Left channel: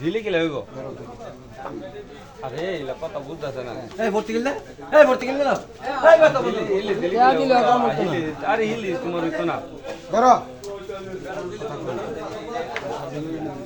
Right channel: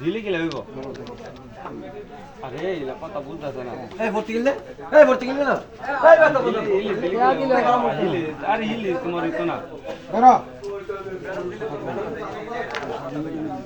দিলে কি লাগবে? আরে এগুলা কথা বুঝতেছে না। এই ভর্তি গেলে এই ভর্তি গেলে না? এই কথা বল। হিলি, হিলি? হিলি, আরে হিলি তোমার হইতো না। ধরো।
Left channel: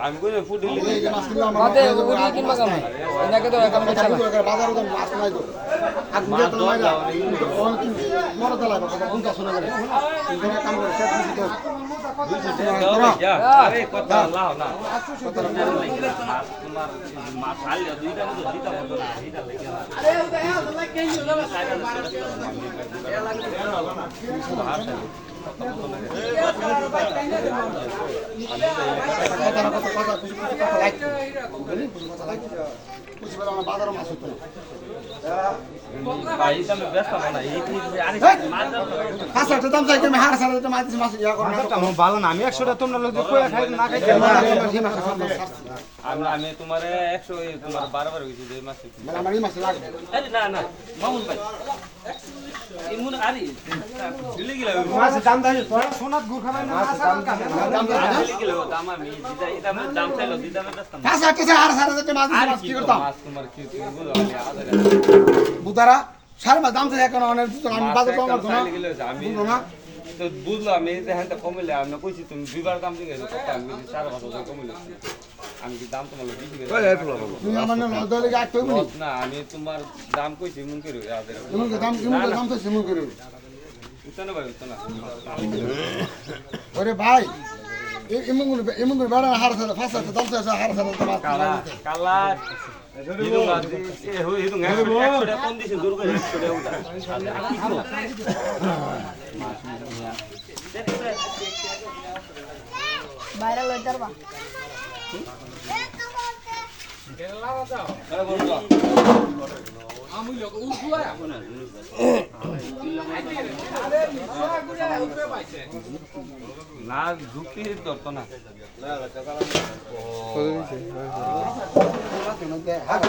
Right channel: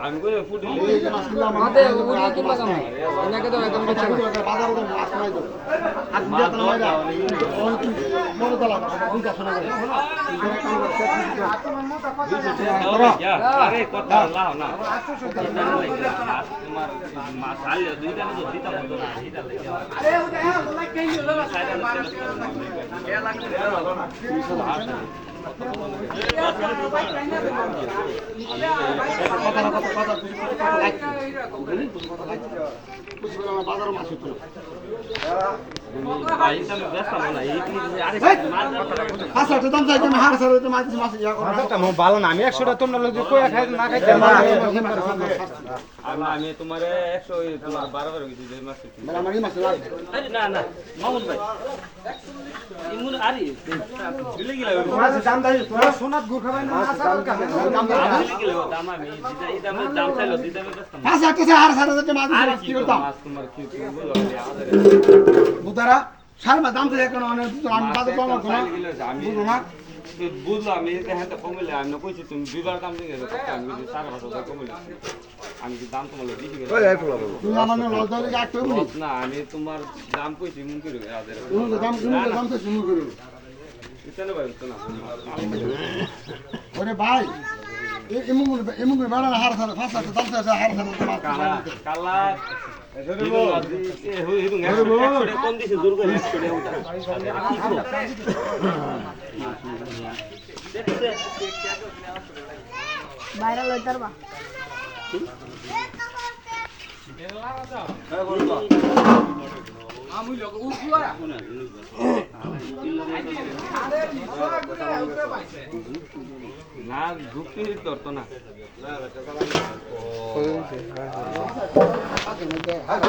না হিতে না মাসলে দাদা ছিল ঢালে দিলে নাইলে তোমার এটা বেকার লাগবে দাদা লাগাই দিয়ে বার হতে কম বেশি এই বিটা টানা আমার করে দেবেন আমি কথা বলি এটা এটা আপনার কাছে একটা কমে শোনা বিটা করে আমি কই ওগুলো কি মাছ আমি এনাকে তো একদম কথা আরে কথা লাও। না তোমার মা খালি দুইটা তো দিতা মতো না লাগে এটা আমি ব্যস্ত না এই তুমি আরে মাছ কথা লাগে ভালো না আমি একশোটা তোমরা লোক না খাইতে আমি তোমার একশো বারবার না আরে মাছ কি করতাম বুতারা সারা দাম থেকে এখন অনেক আমি বাজার কম করতো না। বুঝলো না? তো বুঝলো আমি হ্যাঁ কমিলে আমি কইছি তুমি দুইবার দাম দিয়ে গেলে আমি যদি বছর কমিলে আমি কি দাম তোমার বেশি গেলে তুমি আমার লজ্জা লেগে আটকে না আমি তোমার দাম কইছি মন করে আদের তুমি দাম তুমি দাম তো সিমুল করে। ইতনে ভাই তো না ওরে ভাই এমন করে এমন করে বেড়া হার সারা ফাঁসা দাম চাইছে হার বাইরে না যুক্তি ধরতো না আরে